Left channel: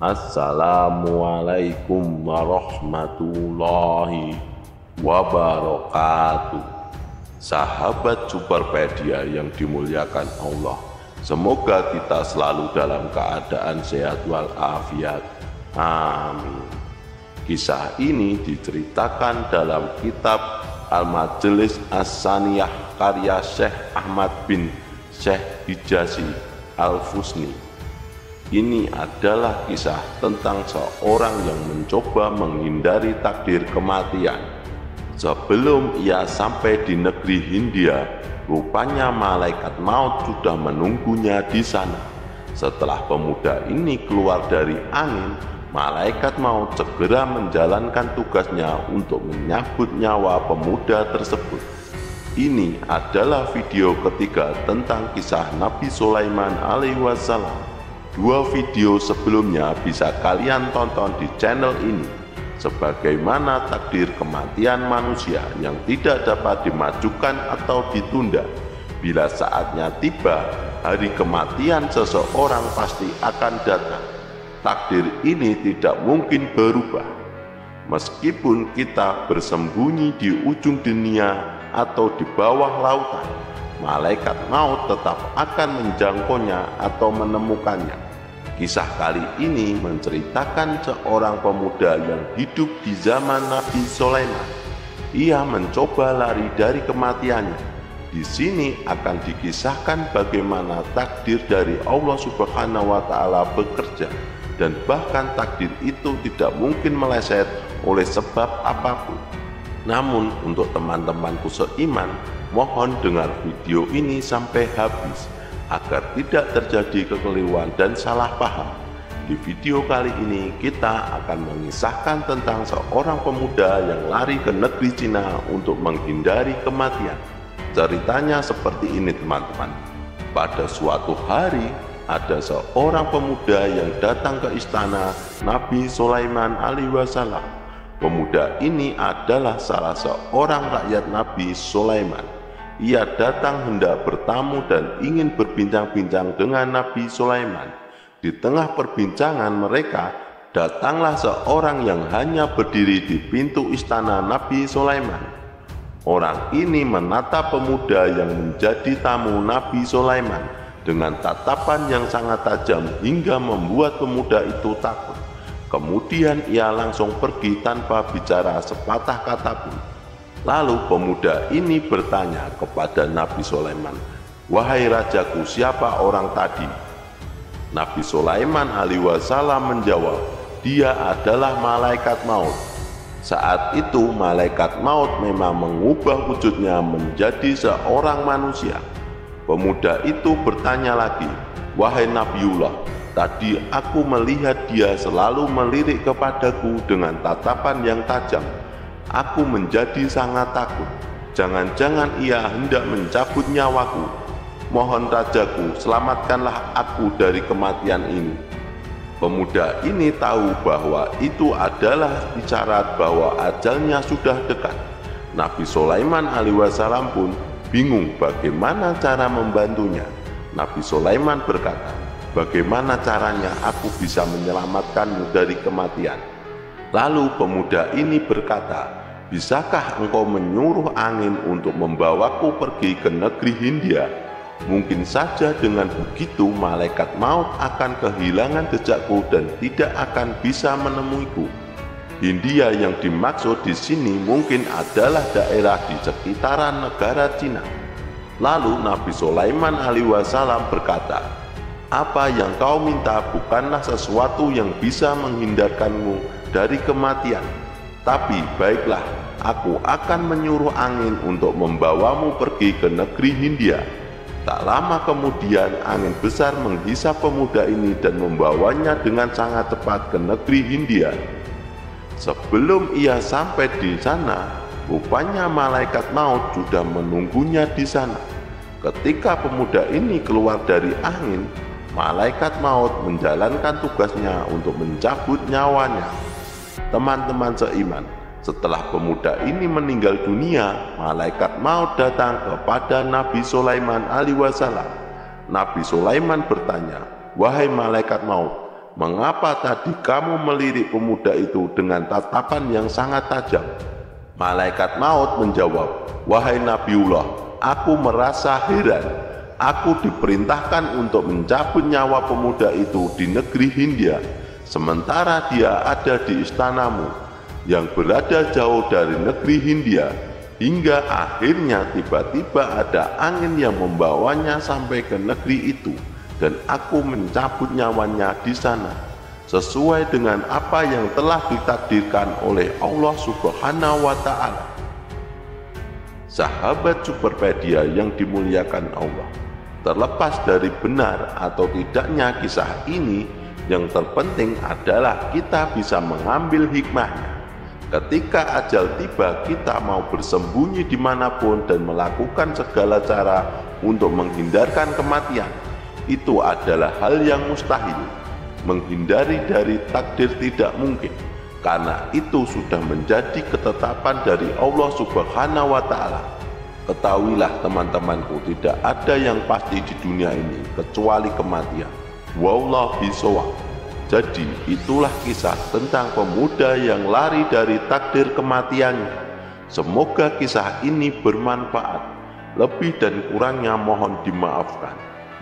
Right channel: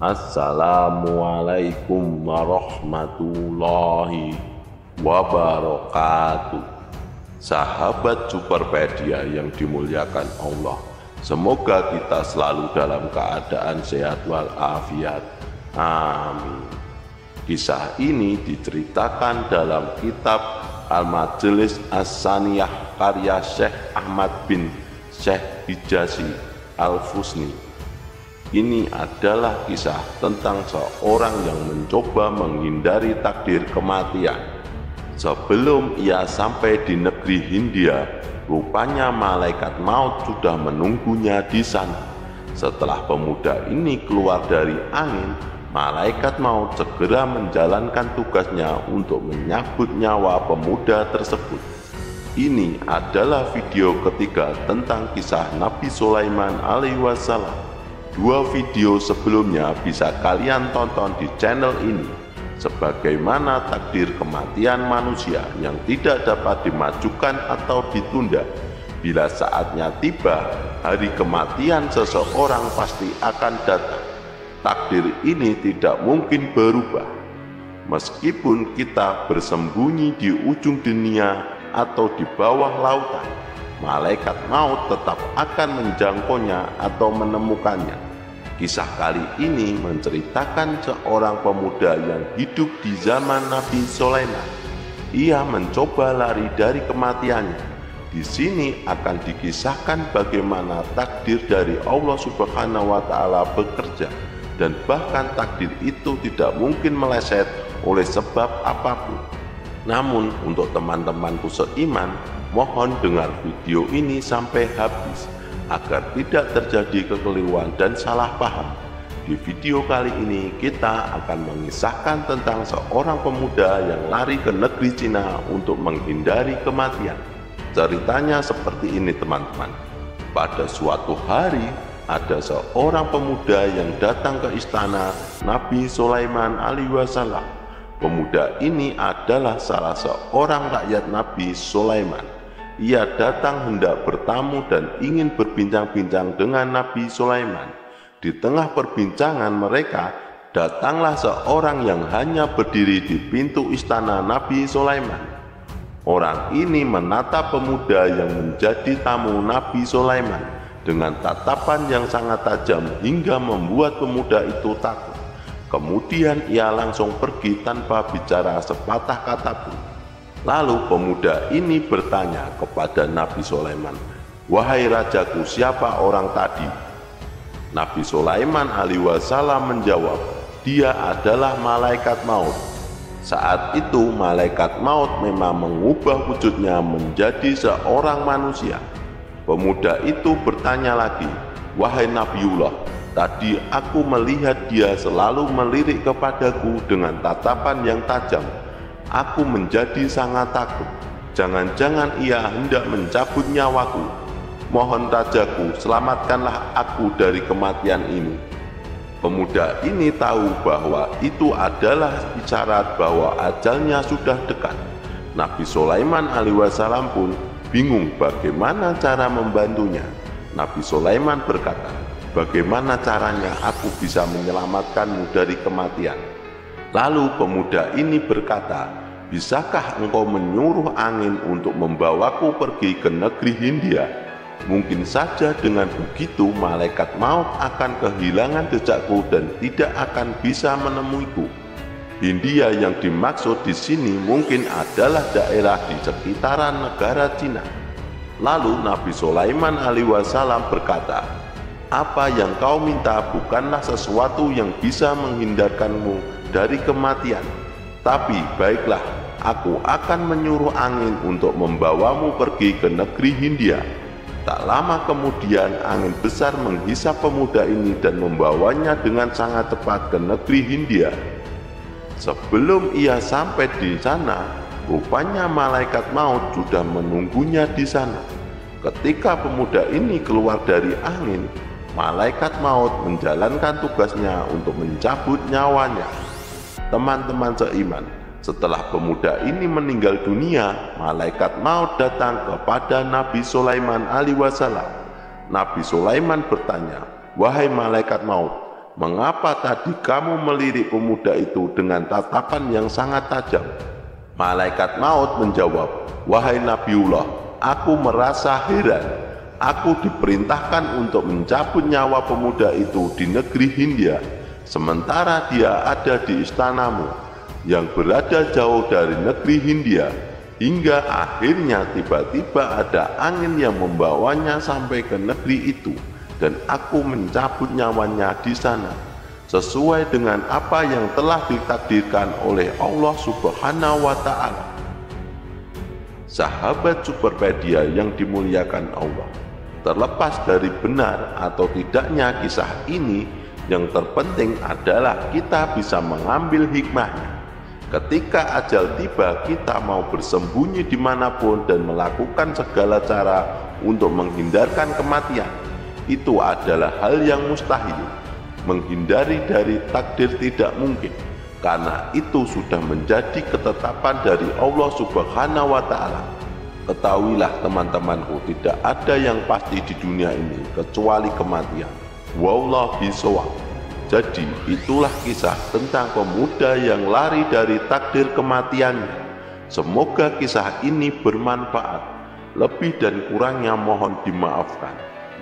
Assalamualaikum warahmatullahi wabarakatuh. Sahabat Superpedia yang dimuliakan Allah, semoga kita selalu dalam keadaan sehat walafiat. Amin. Kisah ini diceritakan dalam kitab Al-Majalis As-Saniyah karya Syekh Ahmad bin Syekh Hijazi Al-Fusni. Ini adalah kisah tentang seorang yang mencoba menghindari takdir kematian. Sebelum ia sampai di negeri Hindia, rupanya malaikat maut sudah menunggunya di sana. Setelah pemuda ini keluar dari angin, malaikat maut segera menjalankan tugasnya untuk menyambut nyawa pemuda tersebut. Ini adalah video ketiga tentang kisah Nabi Sulaiman alaihi wasallam. Dua video sebelumnya bisa kalian tonton di channel ini. Sebagaimana takdir kematian manusia yang tidak dapat dimajukan atau ditunda. Bila saatnya tiba, hari kematian seseorang pasti akan datang. Takdir ini tidak mungkin berubah. Meskipun kita bersembunyi di ujung dunia atau di bawah lautan, malaikat maut tetap akan menjangkaunya atau menemukannya. Kisah kali ini menceritakan seorang pemuda yang hidup di zaman Nabi Sulaiman. Ia mencoba lari dari kematiannya. Di sini akan dikisahkan bagaimana takdir dari Allah Subhanahu wa Ta'ala bekerja, dan bahkan takdir itu tidak mungkin meleset oleh sebab apapun. Namun untuk teman-temanku seiman, mohon dengar video ini sampai habis agar tidak terjadi kekeliruan dan salah paham. Di video kali ini kita akan mengisahkan tentang seorang pemuda yang lari ke negeri Cina untuk menghindari kematian. Ceritanya seperti ini teman-teman. Pada suatu hari ada seorang pemuda yang datang ke istana Nabi Sulaiman alaihi wasallam. Pemuda ini adalah salah seorang rakyat Nabi Sulaiman. Ia datang hendak bertamu dan ingin berbincang-bincang dengan Nabi Sulaiman. Di tengah perbincangan mereka, datanglah seorang yang hanya berdiri di pintu istana Nabi Sulaiman. Orang ini menatap pemuda yang menjadi tamu Nabi Sulaiman dengan tatapan yang sangat tajam hingga membuat pemuda itu takut. Kemudian ia langsung pergi tanpa bicara sepatah kata pun. Lalu pemuda ini bertanya kepada Nabi Sulaiman, "Wahai rajaku, siapa orang tadi?" Nabi Sulaiman alaihi wasallam menjawab, "Dia adalah malaikat maut." Saat itu malaikat maut memang mengubah wujudnya menjadi seorang manusia. Pemuda itu bertanya lagi, "Wahai Nabiullah, tadi aku melihat dia selalu melirik kepadaku dengan tatapan yang tajam. Aku menjadi sangat takut. Jangan-jangan ia hendak mencabut nyawaku. Mohon rajaku, selamatkanlah aku dari kematian ini." Pemuda ini tahu bahwa itu adalah isyarat bahwa ajalnya sudah dekat. Nabi Sulaiman alaihi wasallam pun bingung bagaimana cara membantunya. Nabi Sulaiman berkata, "Bagaimana caranya aku bisa menyelamatkanmu dari kematian?" Lalu pemuda ini berkata, "Bisakah engkau menyuruh angin untuk membawaku pergi ke negeri Hindia? Mungkin saja dengan begitu malaikat maut akan kehilangan jejakku dan tidak akan bisa menemuiku." Hindia yang dimaksud di sini mungkin adalah daerah di sekitaran negara Cina. Lalu Nabi Sulaiman alaihi wasallam berkata, "Apa yang kau minta bukanlah sesuatu yang bisa menghindarkanmu dari kematian. Tapi baiklah, aku akan menyuruh angin untuk membawamu pergi ke negeri Hindia." Tak lama kemudian angin besar menghisap pemuda ini dan membawanya dengan sangat cepat ke negeri Hindia. Sebelum ia sampai di sana, rupanya malaikat maut sudah menunggunya di sana. Ketika pemuda ini keluar dari angin, malaikat maut menjalankan tugasnya untuk mencabut nyawanya. Teman-teman seiman, setelah pemuda ini meninggal dunia, malaikat maut datang kepada Nabi Sulaiman alaihi wasallam. Nabi Sulaiman bertanya, "Wahai malaikat maut, mengapa tadi kamu melirik pemuda itu dengan tatapan yang sangat tajam? Malaikat maut menjawab, wahai Nabiullah, aku merasa heran. Aku diperintahkan untuk mencabut nyawa pemuda itu di negeri Hindia, sementara dia ada di istanamu yang berada jauh dari negeri Hindia, hingga akhirnya tiba-tiba ada angin yang membawanya sampai ke negeri itu, dan aku mencabut nyawanya di sana, sesuai dengan apa yang telah ditakdirkan oleh Allah Subhanahu wa Ta'ala. Sahabat Superpedia yang dimuliakan Allah, terlepas dari benar atau tidaknya kisah ini, yang terpenting adalah kita bisa mengambil hikmahnya. Ketika ajal tiba, kita mau bersembunyi dimanapun dan melakukan segala cara untuk menghindarkan kematian. Itu adalah hal yang mustahil. Menghindari dari takdir tidak mungkin, karena itu sudah menjadi ketetapan dari Allah Subhanahu wa Ta'ala. Ketahuilah teman-temanku, tidak ada yang pasti di dunia ini kecuali kematian. Wallahu a'lam. Jadi itulah kisah tentang pemuda yang lari dari takdir kematiannya. Semoga kisah ini bermanfaat. Lebih dan kurangnya mohon dimaafkan.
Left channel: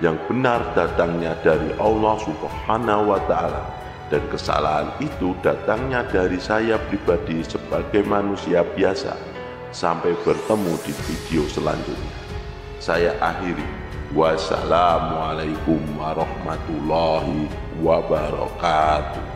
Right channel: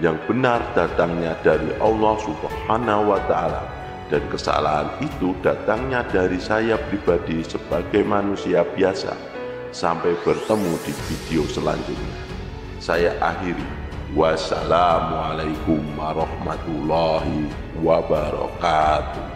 Yang benar datangnya dari Allah Subhanahu wa Ta'ala, dan kesalahan itu datangnya dari saya pribadi sebagai manusia biasa. Sampai bertemu di video selanjutnya. Saya akhiri. Wassalamualaikum warahmatullahi wabarakatuh.